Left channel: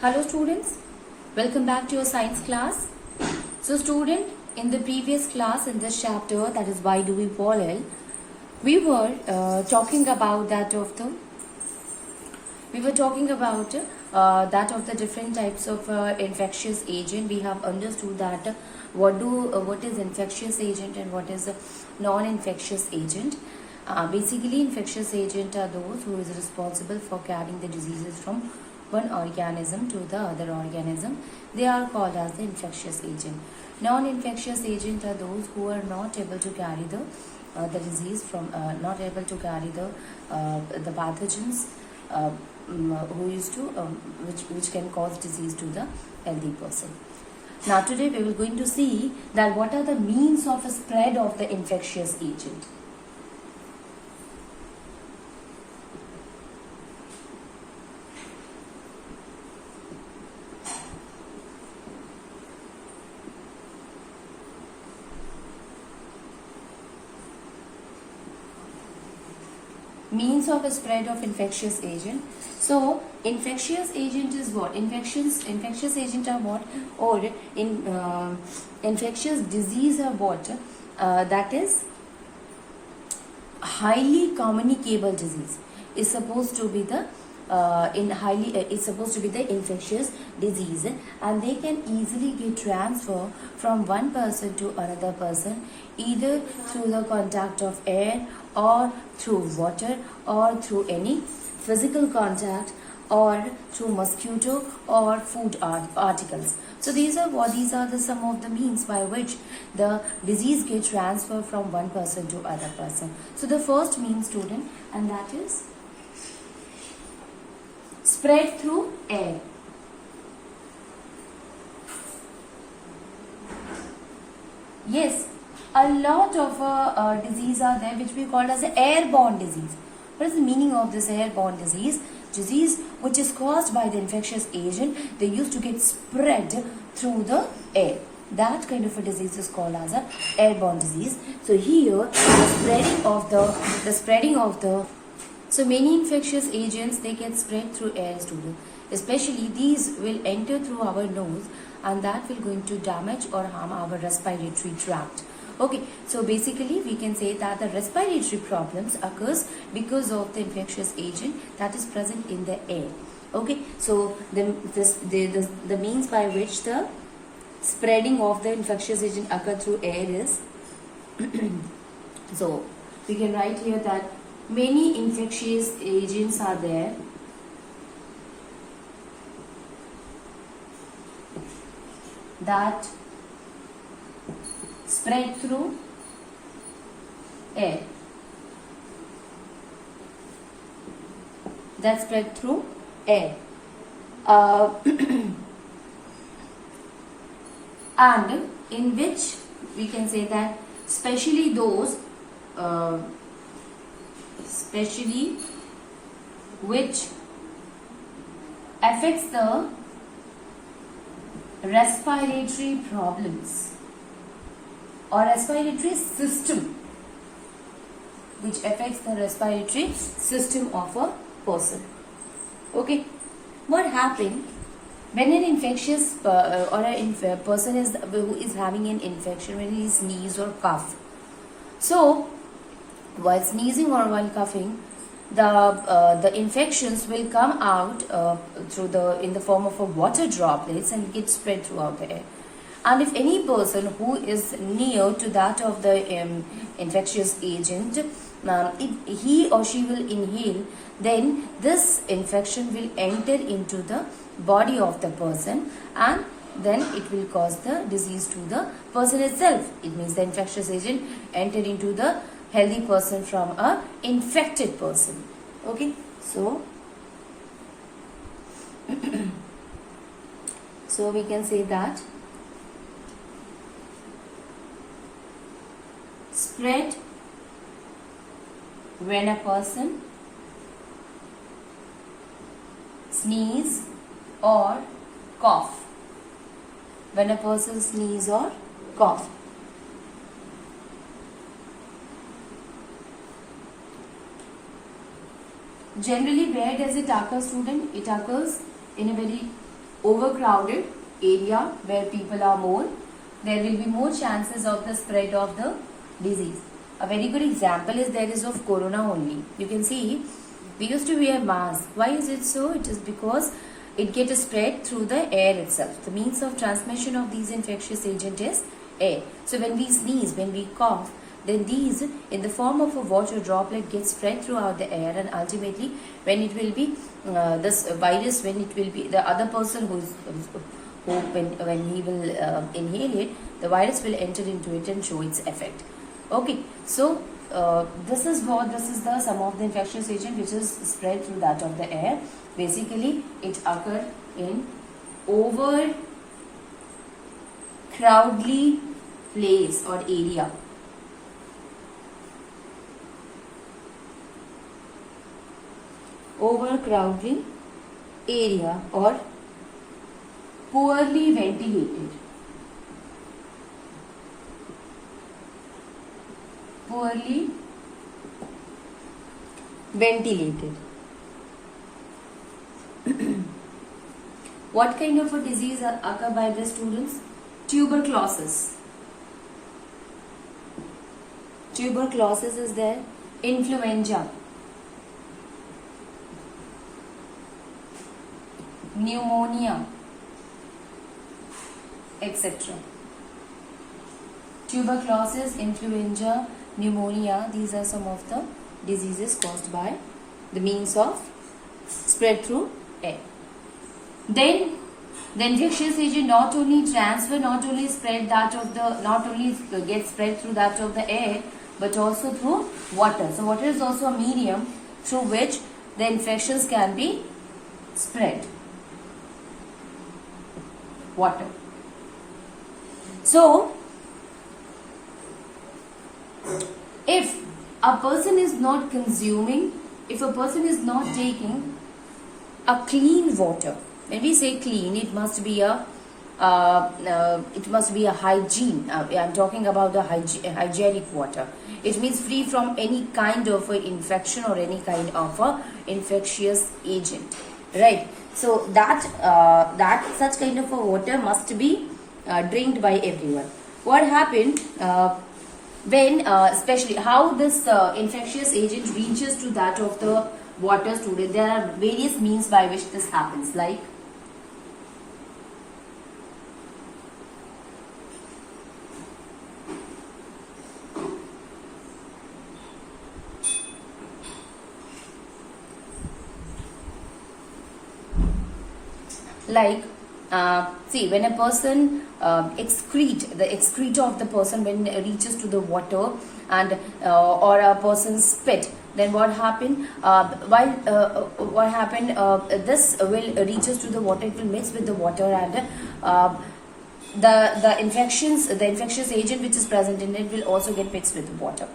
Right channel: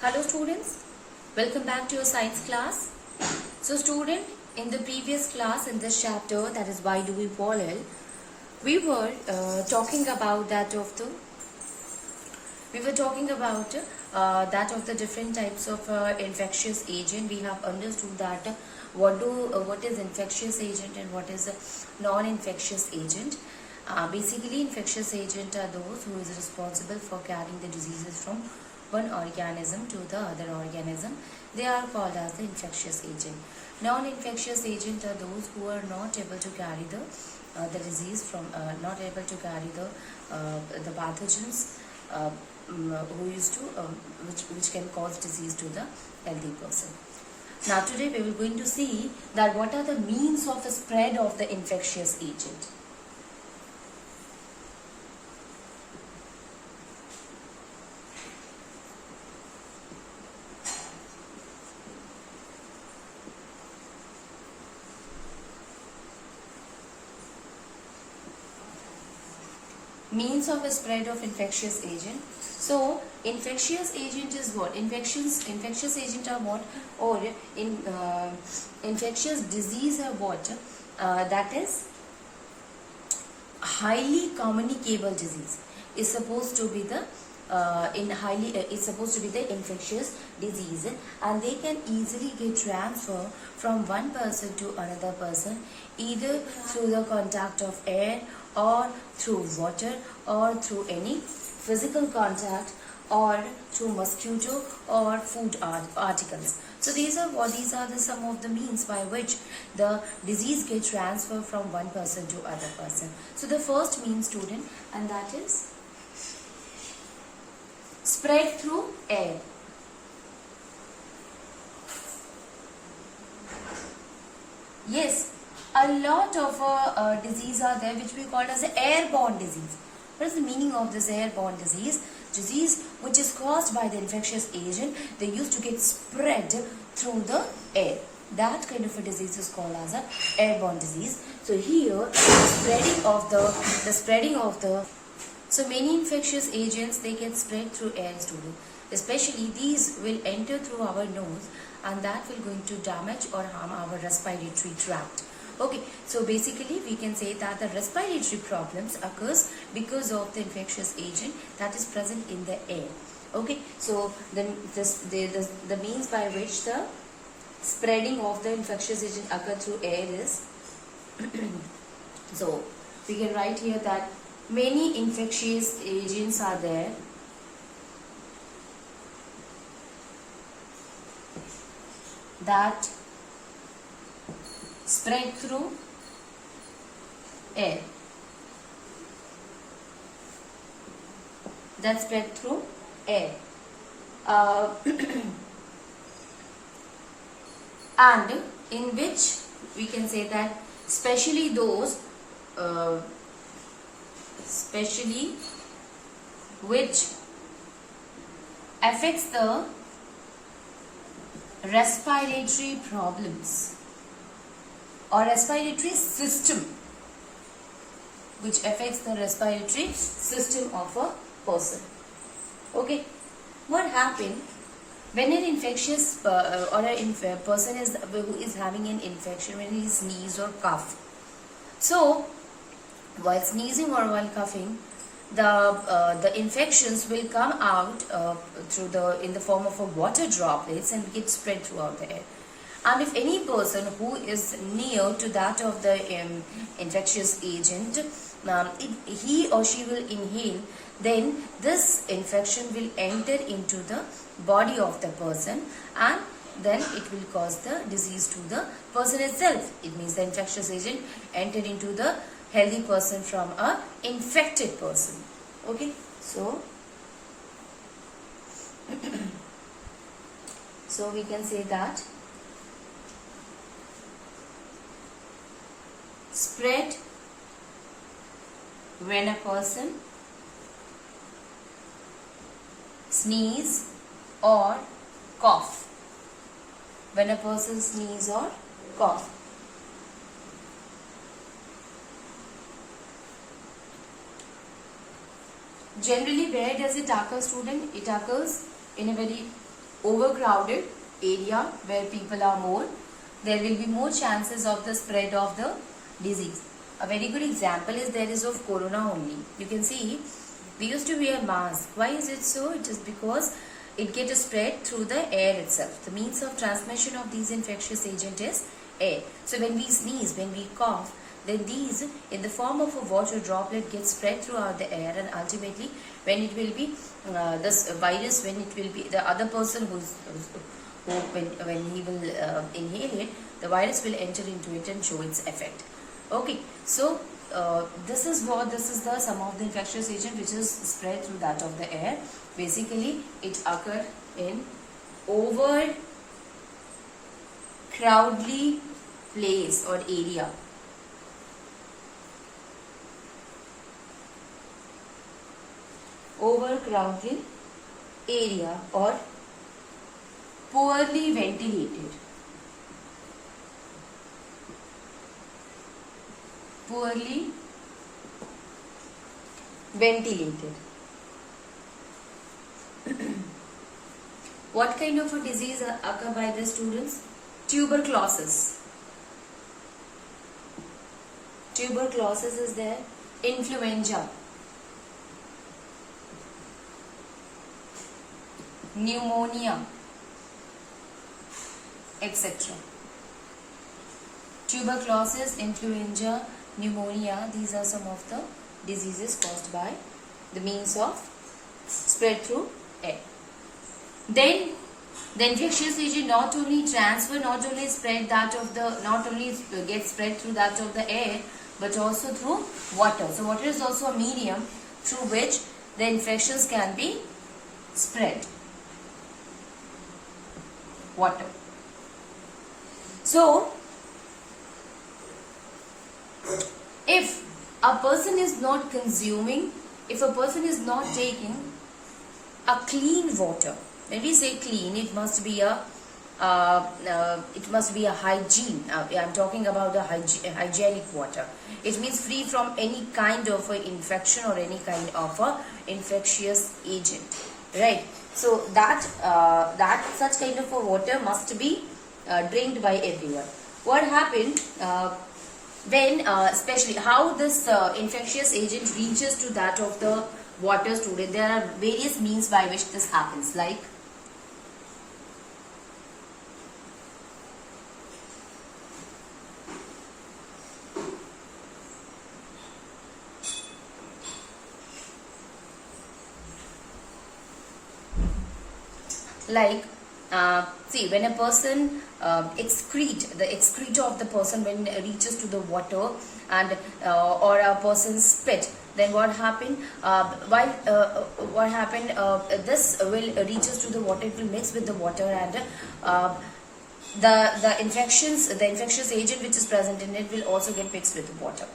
Hello students, welcome back to your science class. So student, in the previous class in this chapter, that is why do we pollen, we were talking about that of the different types of infectious agent. We have understood that what is infectious agent and what is a non-infectious agent. Basically, infectious agent are those who is responsible for carrying the diseases from one organism to the other organism. They are called as the infectious agent. Non-infectious agent are those who are not able to carry the disease from not able to carry the pathogens who used to which can cause disease to the healthy person. Now today we will going to see that what are the means of a spread of the infectious agent. Means of a spread of infectious agent. So infectious agent is what? Infectious agent are what? Or infectious disease are what? That is highly communicable disease. Is supposed to be the is supposed to be the infectious disease, and they can easily get transfer from one person to another person, either through the contact of air or through water or through any physical contact or through mosquito or food articles. So these are the some of the means by which the disease gets transferred from one person to other person. So the first means, student, and that is spread through air. Yes, a lot of disease are there which we call as airborne disease. What is the meaning of this airborne disease? Disease which is caused by the infectious agent, they used to get spread through the air. That kind of a disease is called as a airborne disease. So here the spreading of the so many infectious agents, they get spread through air, student. Especially these will enter through our nose, and that will going to damage or harm our respiratory tract. Okay, so basically we can say that the respiratory problems occurs because of the infectious agent that is present in the air. Okay, so the means by which the spreading of the infectious agent occur through air is so we can write here that many infectious agents are there that spread through air. That spread through air. And in which we can say that especially those which affects the respiratory problems or respiratory system, which affects the respiratory system of a person. Okay, what happened when an infectious or a person who is having an infection, when he sneezes or cough? So while sneezing or while coughing, the infections will come out in the form of a water droplets and get spread throughout the air. And if any person who is near to that of the infectious agent, if he or she will inhale, then this infection will enter into the body of the person, and then it will cause the disease to the person itself. It means the infectious agent entered into the healthy person from a infected person. Okay, so so we can say that spread when a person sneeze or cough. When a person sneeze or cough. Generally, where does it occur, student? It occurs in a very overcrowded area where people are more, there will be more chances of the spread of the disease. A very good example is there is of corona only. You can see we used to wear mask. Why is it so? It is because it gets spread through the air itself. The means of transmission of these infectious agent is air. So when we sneeze, when we cough, then these in the form of a water droplet get spread throughout the air, and ultimately when it will be this virus, when it will be the other person who when he will inhale it, the virus will enter into it and show its effect. Okay, so this is the some of the infectious agent which is spread through that of the air. Basically, it occur in overcrowdedly place or area. Overcrowded area or poorly ventilated. Poorly ventilated. What kind of a disease occur by the students? Tuberculosis. Tuberculosis is there. Influenza. Pneumonia, etc. Tuberculosis, influenza, pneumonia, these are some of the diseases caused by the means of spread through air. Then the infectious agent not only spread that of the, not only gets spread through that of the air, but also through water. So water is also a medium through which the infections can be spread. Water. So, if a person is not consuming, if a person is not taking a clean water, when we say clean, it must be a hygiene. I am talking about the hygienic water. It means free from any kind of infection or any kind of infectious agent, right? So that such kind of a water must be drinked by everyone. What happened when especially how this infectious agent reaches to that of the water student? There are various means by which this happens, like see, when a person excrete of the person when it reaches to the water, and or a person's spit, then what happened? This will reaches to the water. It will mix with the water, and the infectious agent which is present in it will also get mixed with the water.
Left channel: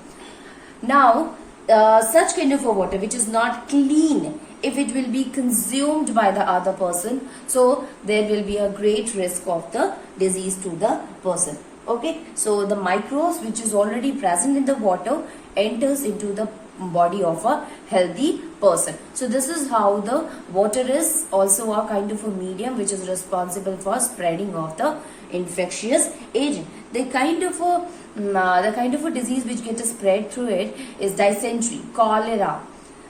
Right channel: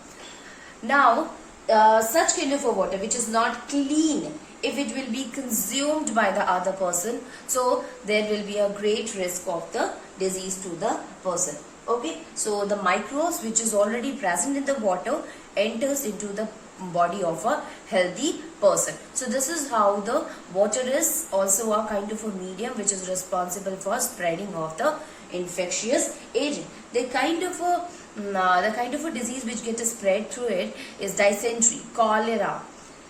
Now, such kind of a water which is not clean, if it will be consumed by the other person, so there will be a great risk of the disease to the person. Okay, so the microbes which is already present in the water enters into the body of a healthy person. So this is how the water is also a kind of a medium which is responsible for spreading of the infectious agent. The kind of a disease which gets spread through it is dysentery, cholera,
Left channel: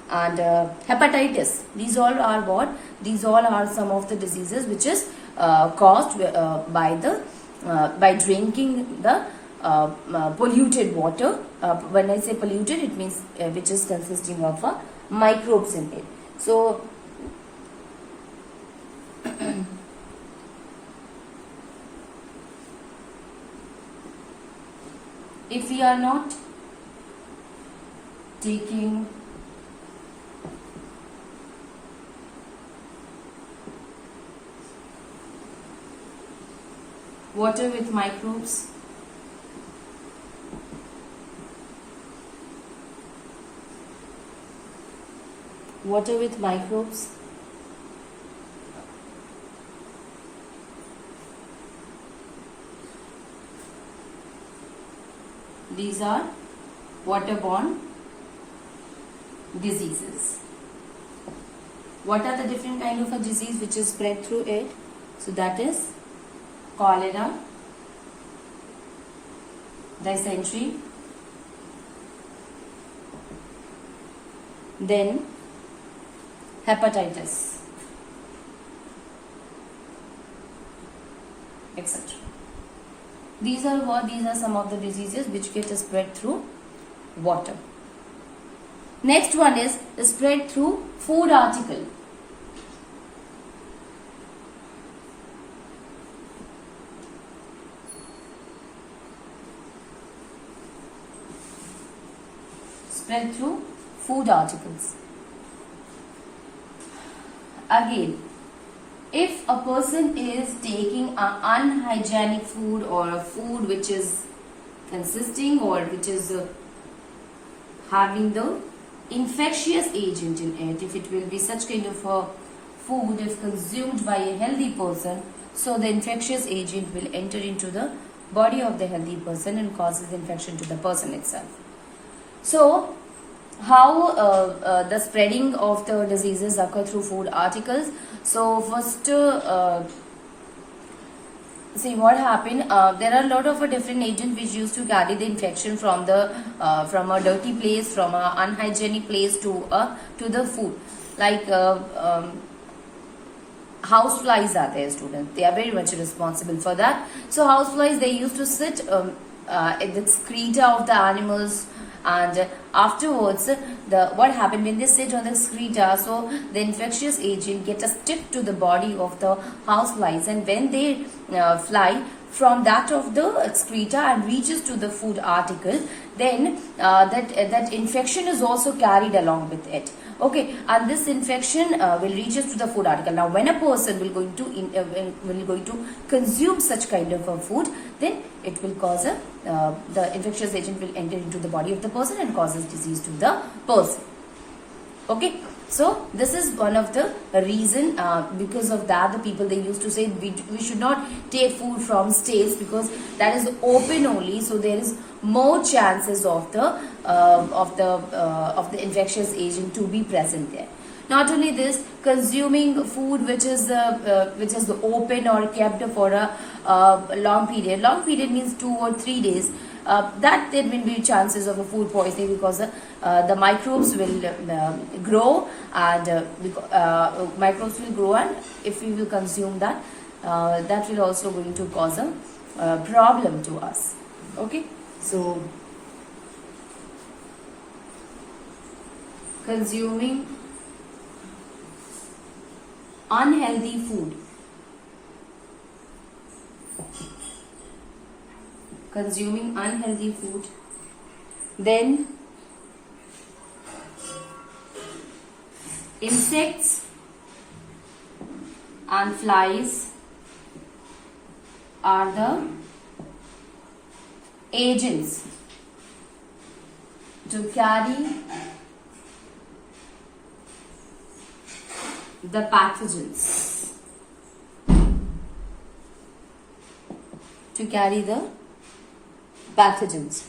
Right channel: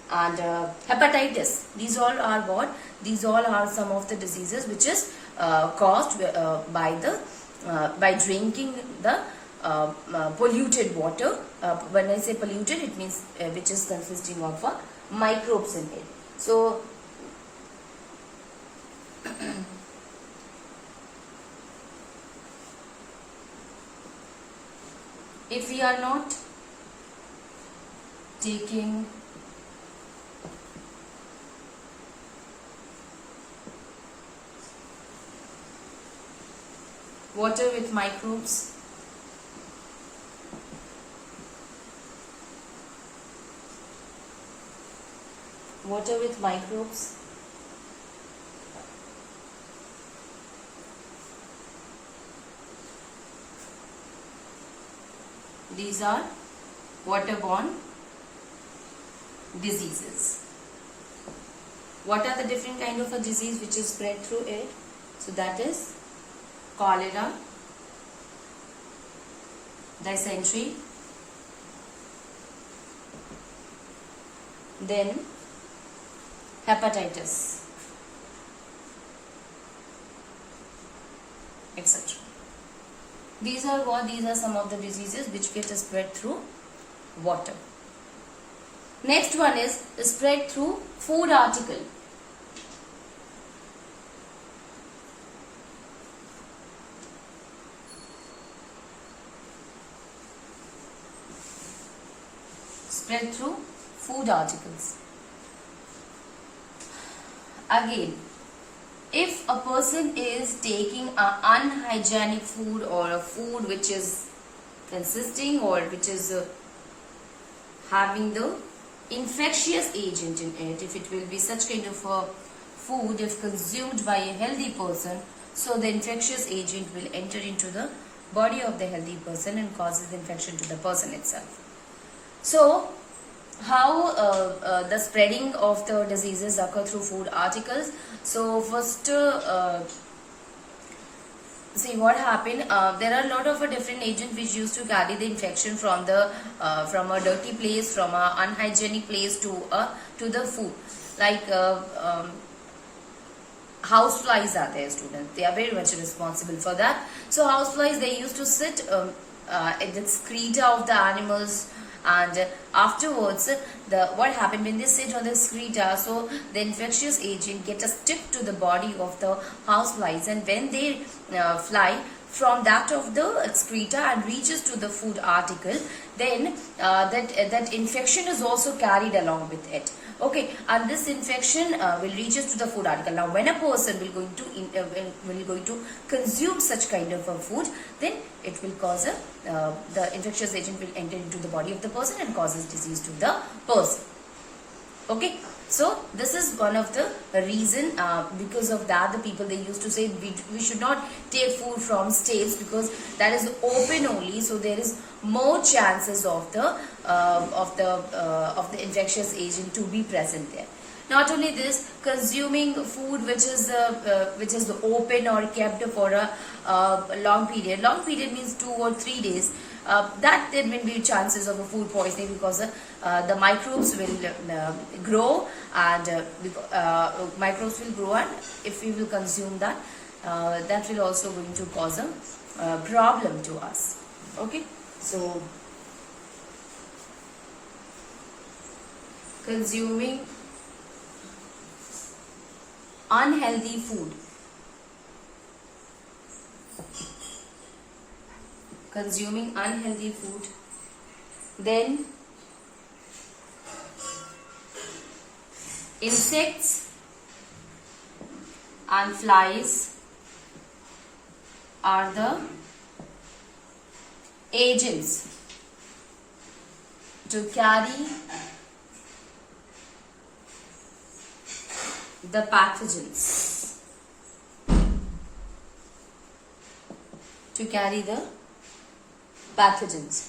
and hepatitis. These all are what? These all are some of the diseases which is caused by drinking the polluted water. When I say polluted, it means which is consisting of microbes in it. So if we are not taking water with microbes, these are waterborne diseases. What are the different kind of a disease which is spread through it? So that is cholera, dysentery, then hepatitis, etc. These are some of the diseases which get spread through water. Next one is spread through food article. Spread through food articles. Again, if a person is taking an unhygienic food or a food which is consisting or which is having the infectious agent in it, if it will be such kind of a food if consumed by a healthy person, so the infectious agent will enter into the body of the healthy person and causes infection to the person itself. So how the spreading of the diseases occur through food articles. So first see what happened. There are a lot of different agents which used to carry the infection from a dirty place, from a unhygienic place to the food. Like house flies are there, students. They are very much responsible for that. So house flies, they used to sit in the excreta of the animals, and afterwards what happened when they sit on the excreta, so the infectious agent get a stick to the body of the house flies, and when they fly from that of the excreta and reaches to the food article, then that infection is also carried along with it. Okay, and this infection will reach us to the food article. Now, when a person will going to consume such kind of a food, then it will cause the infectious agent will enter into the body of the person and causes disease to the person. Okay, so this is one of the reason. Because of that, the people, they used to say we should not take food from states because that is open only. So there is more chances of the infectious agent to be present there. Not only this, consuming food which is open or kept for a long period. Long period means 2 or 3 days. That there will be chances of a food poisoning because the microbes will grow, and microbes will grow, and if we will consume that, that will also going to cause a problem to us. Okay, so consuming unhealthy food. Consuming unhealthy food, then insects and flies are the agents to carry the pathogens, to carry the pathogens.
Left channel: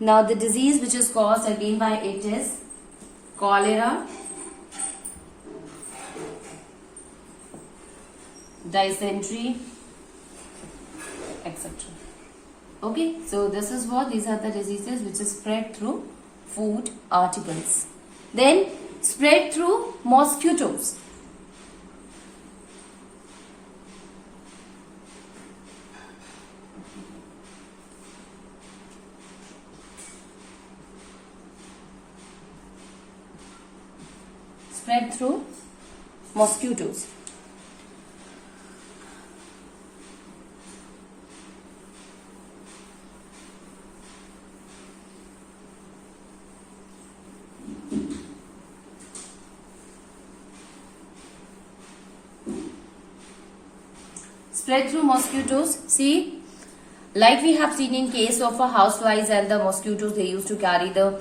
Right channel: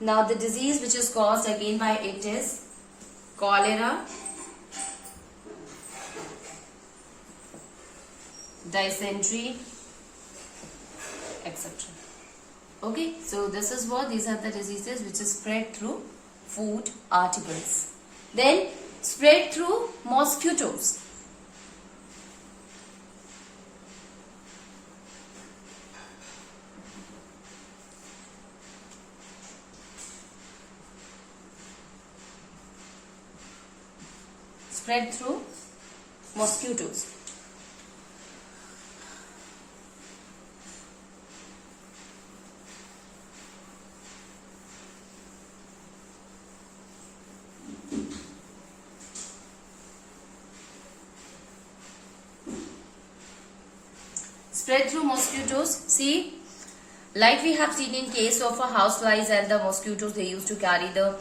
Now the disease which is caused again by it is cholera, dysentery, etc. Okay, so this is what these are the diseases which is spread through food articles. Then spread through mosquitoes. Spread through mosquitoes. Spread through mosquitoes. See, like we have seen in case of a houseflies and the mosquitoes, they used to carry the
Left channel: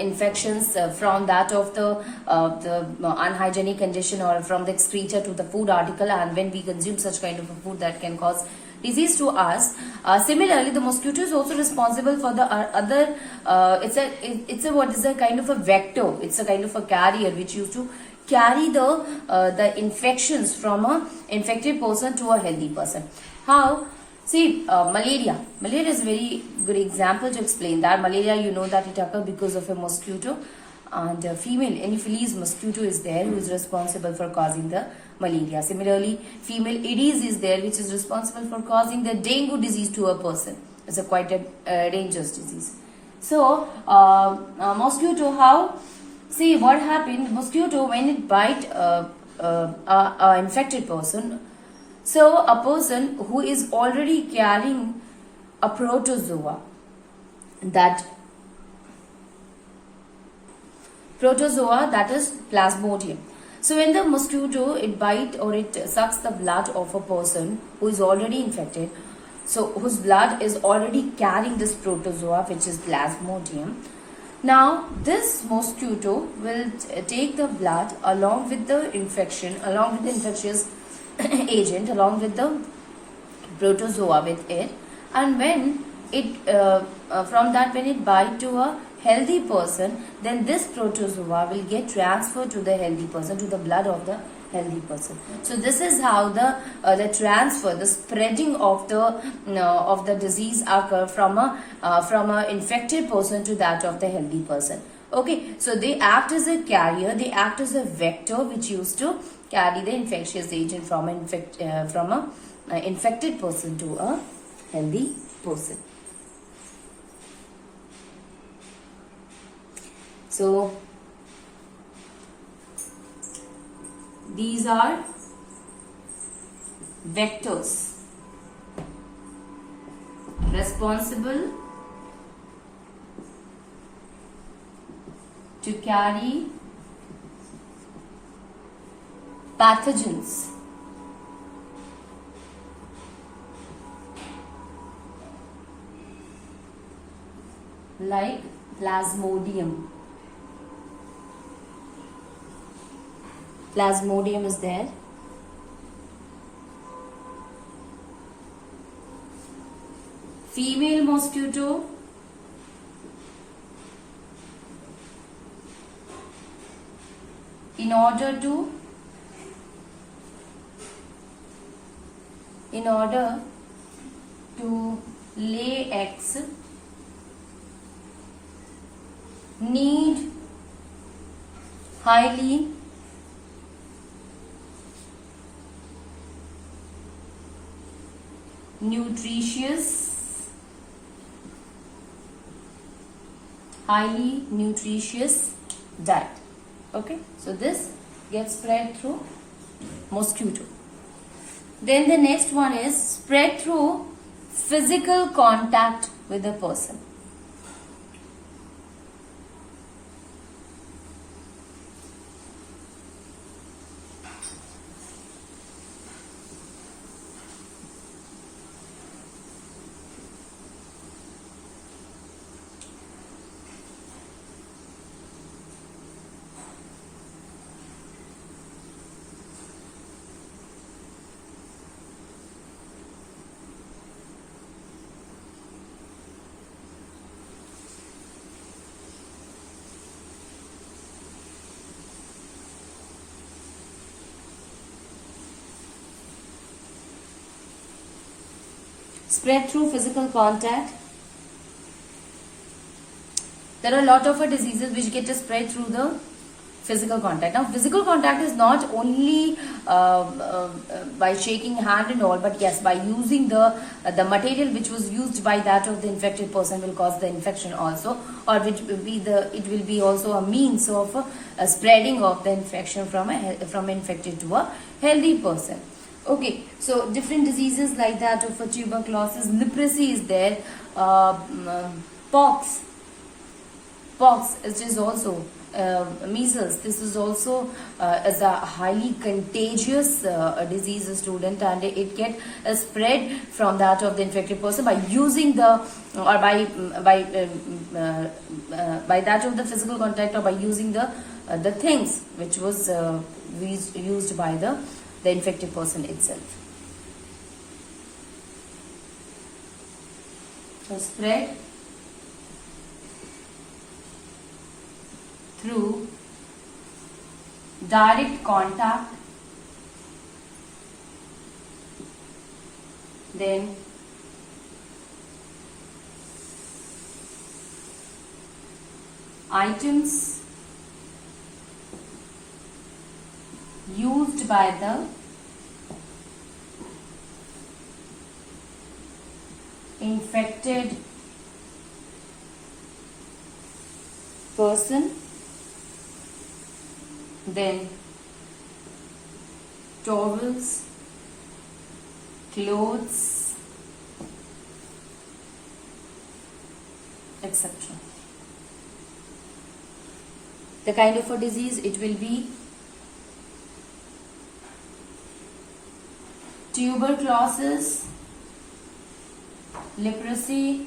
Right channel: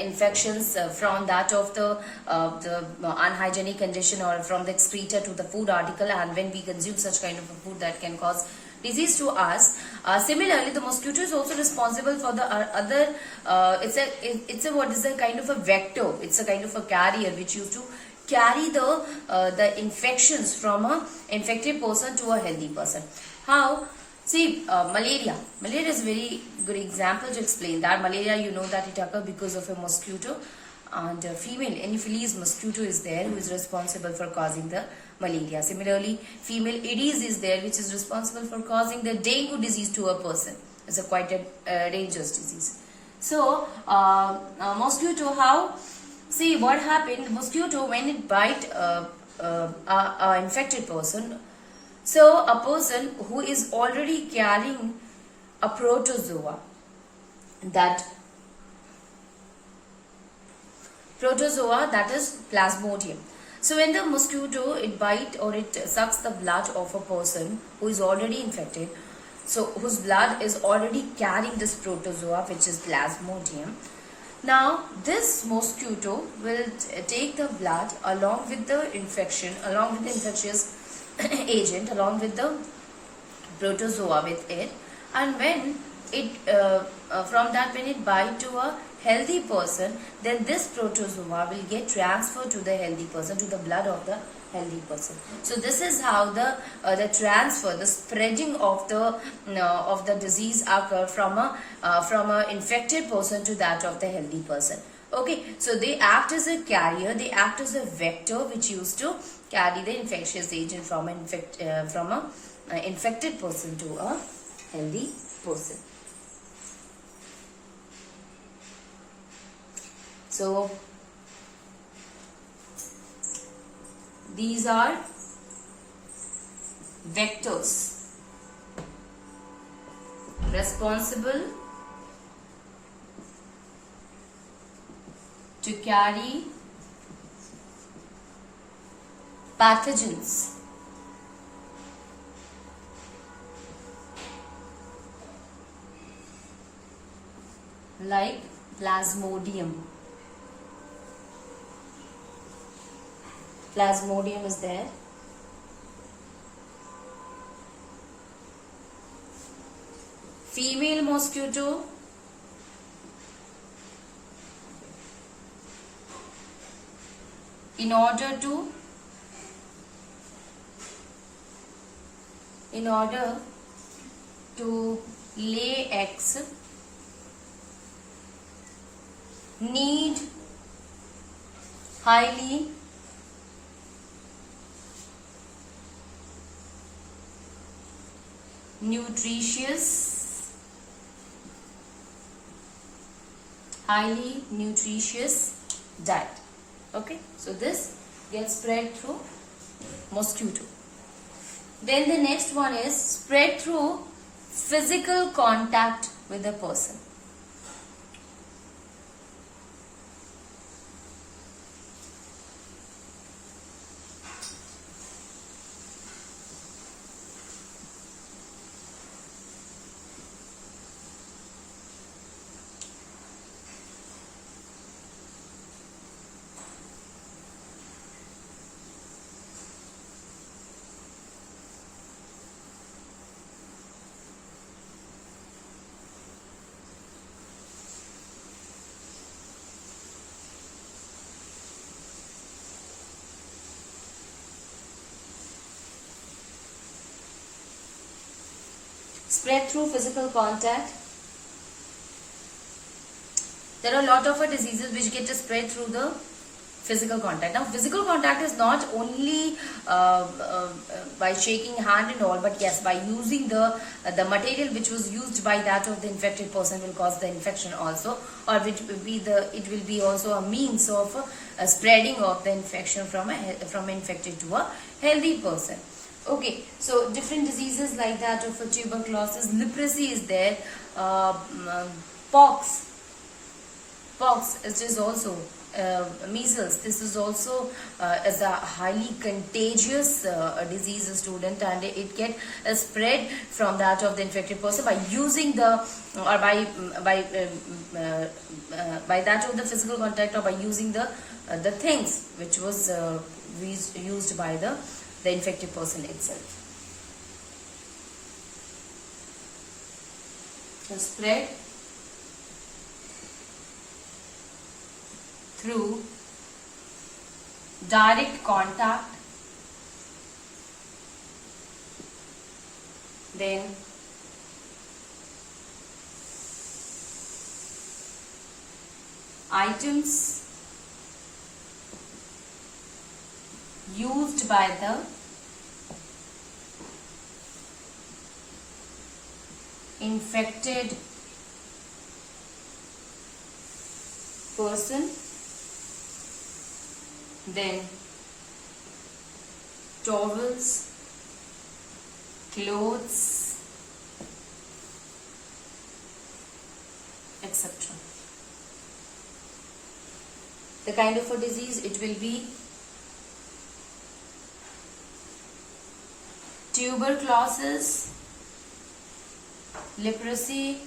infections from that of the unhygienic condition or from the excreta to the food article, and when we consume such kind of a food, that can cause disease to us. Similarly, the mosquito is also responsible for the it's a what is a kind of a vector. It's a kind of a carrier which used to carry the infections from a infected person to a healthy person. How? See, malaria. Malaria is a very good example to explain that. Malaria, you know that it occurs because of a mosquito, and female Anopheles mosquito is there, who is responsible for causing the malaria. Similarly, female Aedes is there, which is responsible for causing the dengue disease to a person. It's a quite a dangerous disease. So, mosquito, how? See, what happened? Mosquito, when it bite a infected person, so a person who is already carrying a protozoa, that is Plasmodium. So when the mosquito, it bite or it sucks the blood of a person who is already infected, so whose blood is already carrying this protozoa, which is Plasmodium. Now this mosquito will take the blood along with the infection, along with the infectious agent, along with the protozoa with it, and when it from that, when it bite to a healthy person, then this protozoa will get transferred to the healthy person, to the blood of the healthy person. So this is how the transfer, the spreading of the disease occur from a infected person to that of the healthy person. Okay, so they act as a carrier, they act as a vector which used to carry the infectious agent from a infected person to a healthy person. So these are vectors responsible to carry pathogens like Plasmodium. Plasmodium is there. Female mosquito, in order to lay eggs, need highly nutritious diet. Okay, so this gets spread through mosquito. Then the next one is spread through physical contact with a person. Spread through physical contact. There are a lot of diseases which get spread through the physical contact. Now, physical contact is not only by shaking hand and all, but yes, by using the material which was used by that of the infected person will cause the infection also, or it will be also a means of spreading of the infection from infected to a healthy person. Okay, so different diseases like that of tuberculosis, leprosy is there, pox, which is also measles. This is also is a highly contagious disease, student, and it get spread from that of the infected person by using the or by that of the physical contact, or by using the things which was used by the infected person itself. So spread through direct contact, then items used by the infected person, then towels, clothes, etc. The kind of a disease, it will be tuberculosis, leprosy,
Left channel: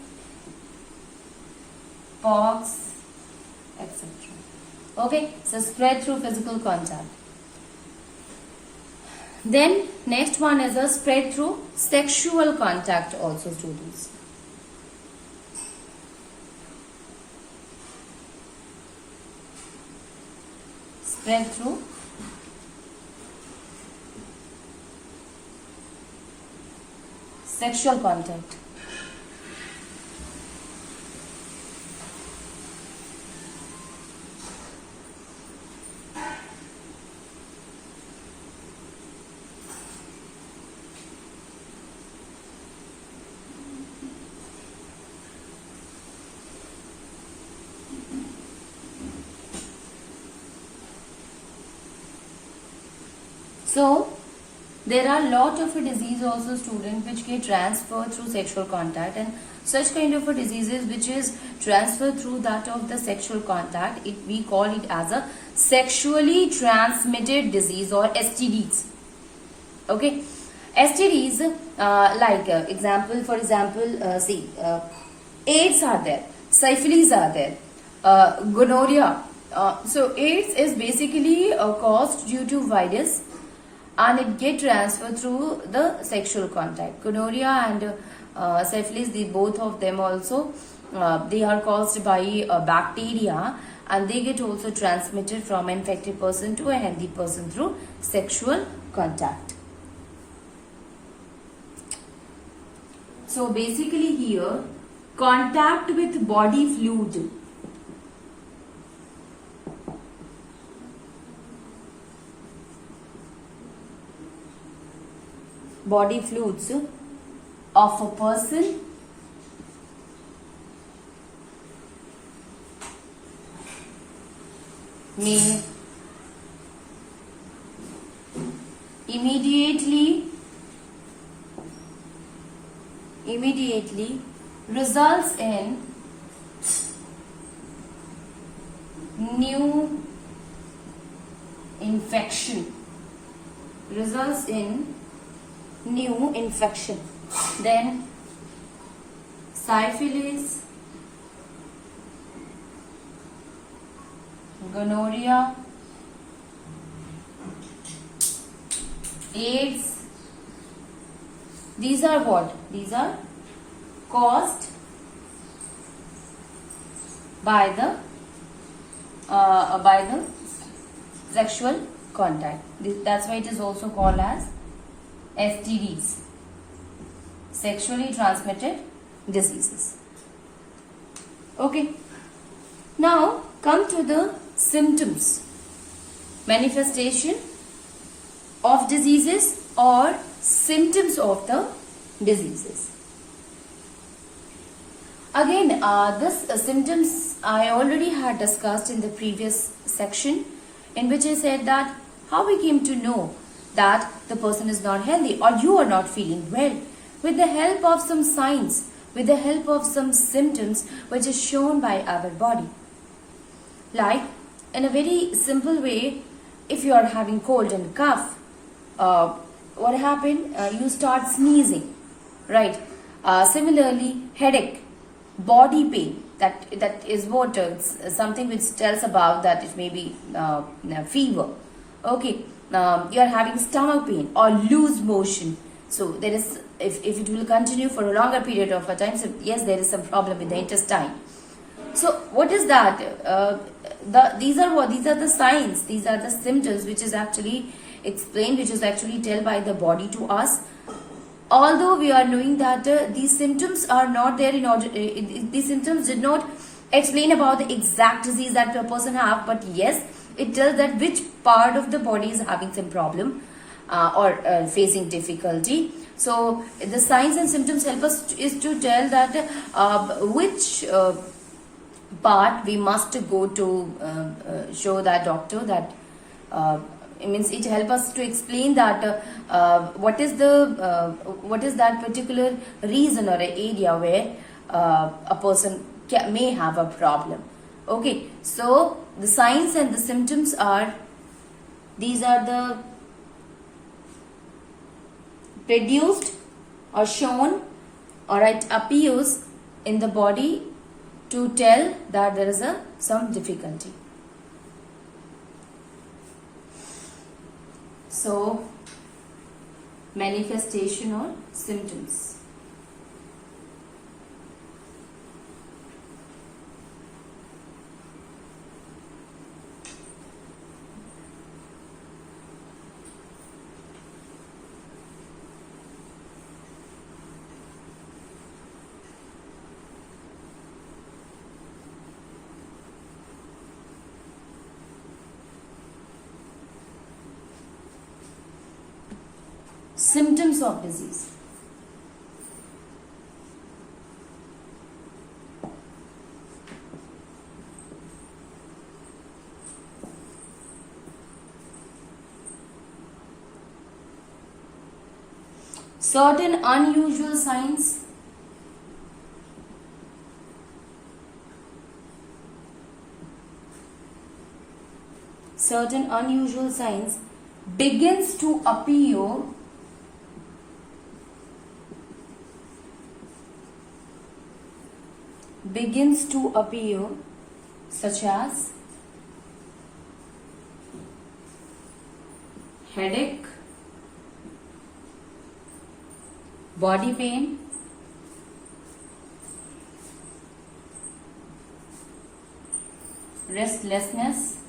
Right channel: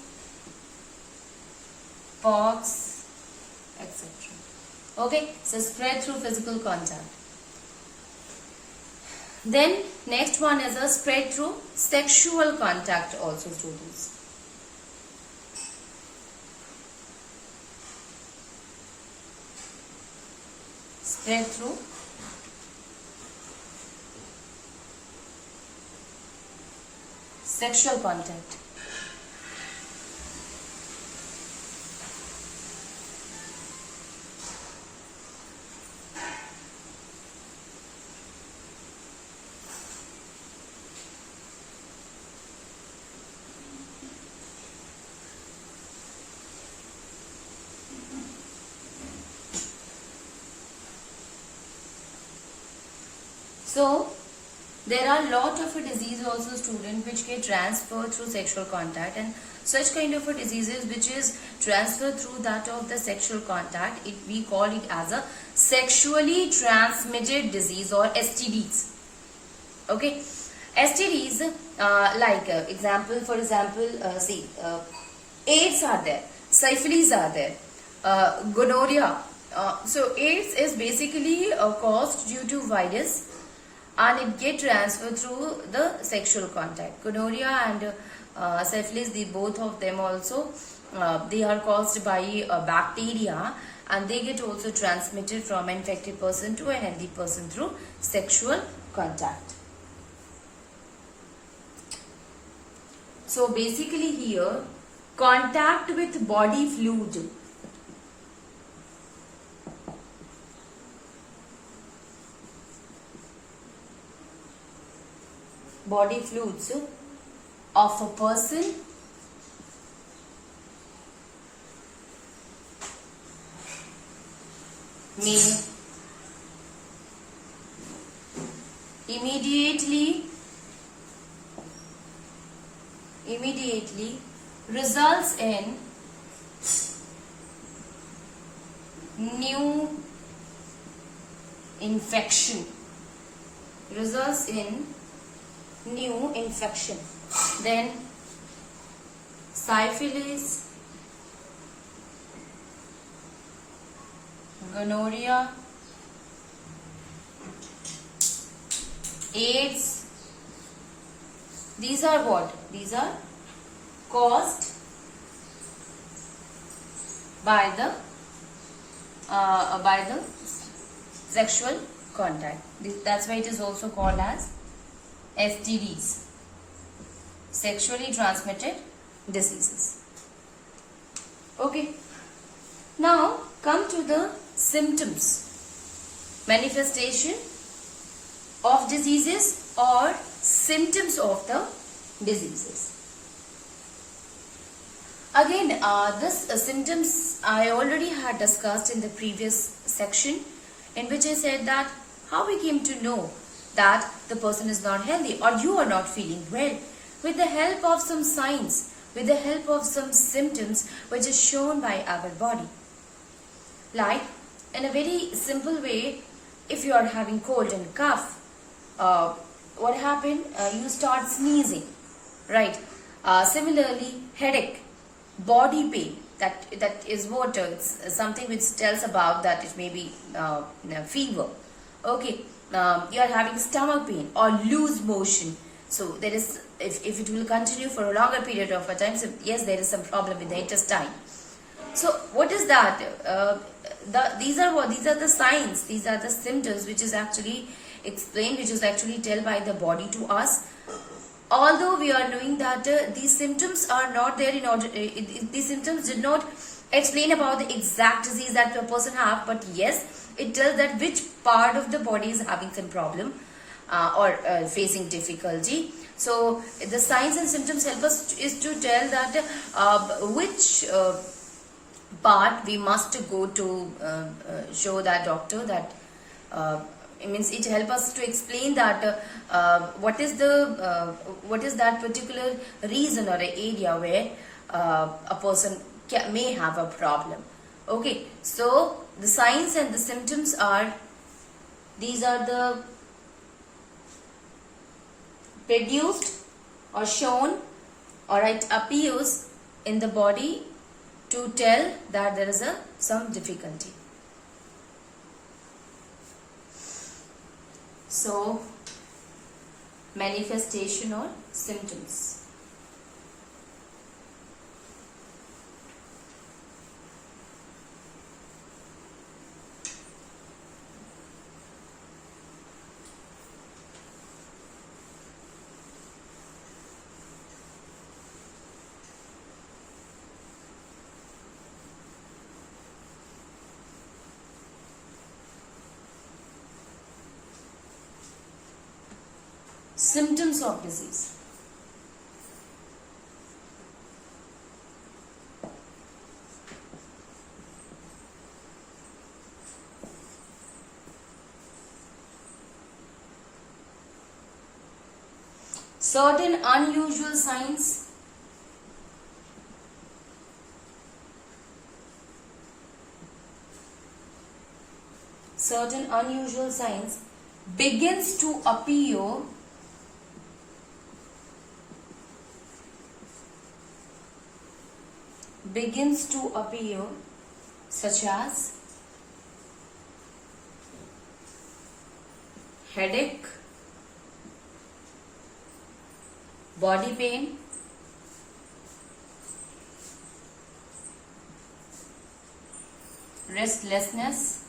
pox, etc. Okay, so spread through physical contact. Then next one is a spread through sexual contact also, students. Spread through sexual contact. So, there are lot of a disease also, student, which get transferred through sexual contact, and such kind of a diseases which is transferred through that of the sexual contact, we call it as a sexually transmitted disease or STDs. Okay, STDs example, for example, AIDS are there, syphilis are there, gonorrhea. So AIDS is basically caused due to virus, and it get transferred through the sexual contact. Gonorrhea and syphilis, both of them also, they are caused by bacteria, and they get also transmitted from an infected person to a healthy person through sexual contact. So basically here, contact with body fluid. Body fluids of a person may immediately results in new infection. Then syphilis, gonorrhea, AIDS, these are what? These are caused by the sexual contact. That's why it is also called as STDs, sexually transmitted diseases. Okay, now come to the symptoms, manifestation of diseases or symptoms of the diseases. Again, this symptoms I already had discussed in the previous section, in which I said that how we came to know that the person is not healthy or you are not feeling well, with the help of some signs, with the help of some symptoms which is shown by our body. Like, in a very simple way, if you are having cold and cough, what happened? You start sneezing, right? Similarly, headache, body pain, that is what something which tells about that it may be fever. Okay, you are having stomach pain or loose motion. So there is, if it will continue for a longer period of a time, so yes, there is some problem with the intestine. So what is that? these are the signs, these are the symptoms which is actually explained, which is actually tell by the body to us. Although we are knowing that these symptoms are not there in order, these symptoms did not explain about the exact disease that a person have, but yes, it tells that which part of the body is having some problem or facing difficulty. So the signs and symptoms help us is to tell that which part we must go to show that doctor, that it means it helps us to explain that what is that particular reason or area where a person may have a problem. Okay, so the signs and the symptoms are, these are the produced or shown, or it appears in the body to tell that there is some difficulty. So, manifestation or symptoms. Symptoms of disease. Certain unusual signs, begins to appear such as headache, body pain, restlessness,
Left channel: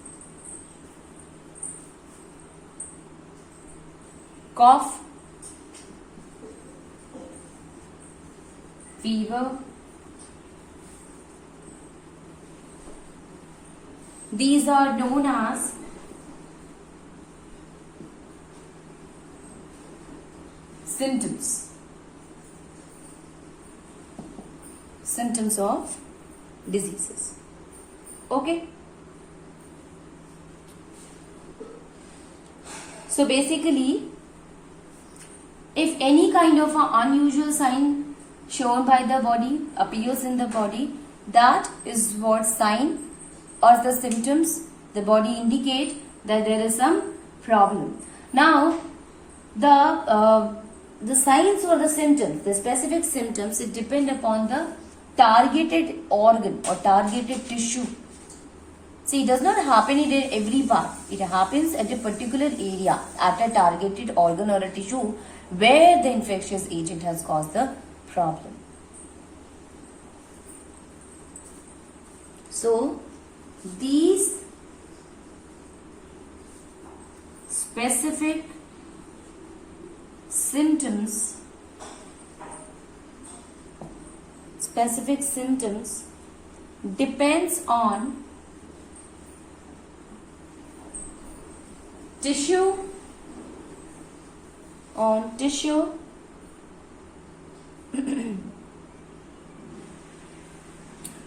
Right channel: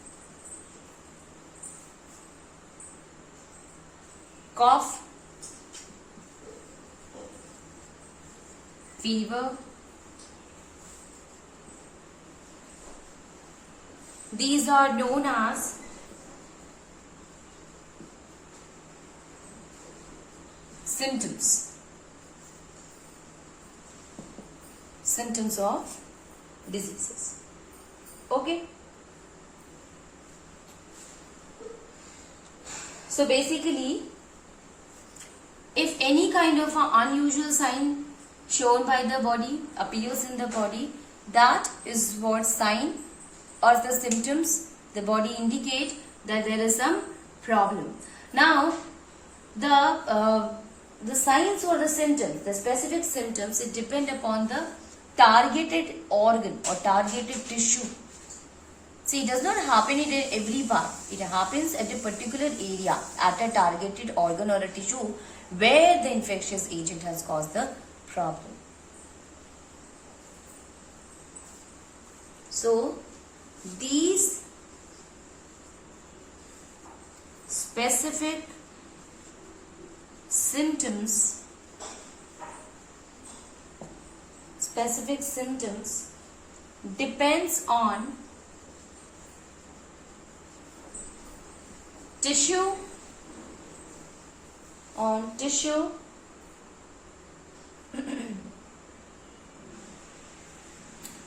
cough, fever. These are known as symptoms of diseases. Okay. So basically, if any kind of an unusual sign shown by the body appears in the body, that is what sign or the symptoms the body indicate that there is some problem. Now, the signs or the symptoms, the specific symptoms, it depend upon the targeted organ or targeted tissue. See, it does not happen in every part. It happens at a particular area, at a targeted organ or a tissue where the infectious agent has caused the problem. So, these specific symptoms depends on tissue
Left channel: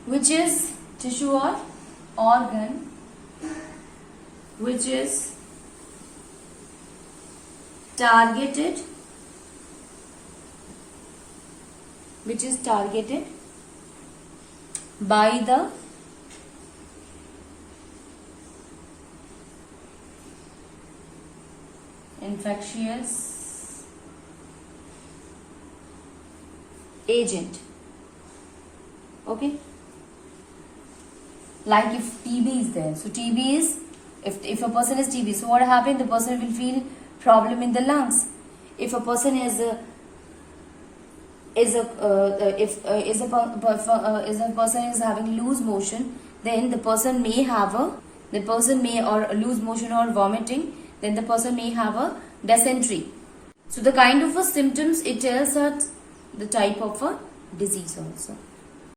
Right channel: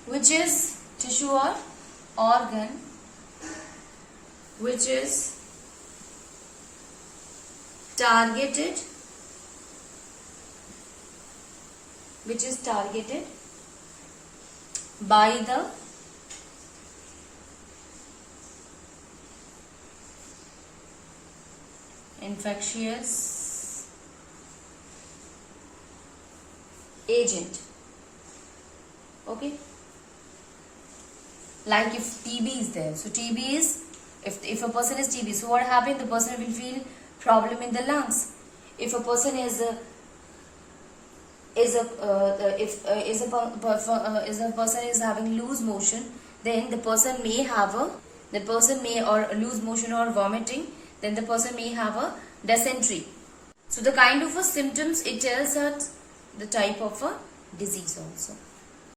which is tissue or organ which is targeted by the infectious agent. Okay, like if TB is there, so TB is, if a person is TB, so what happens? The person will feel problem in the lungs. If a person is a person is having loose motion, then the person may or lose motion or vomiting, then the person may have a dysentery. So the kind of a symptoms, it tells us the type of a disease also.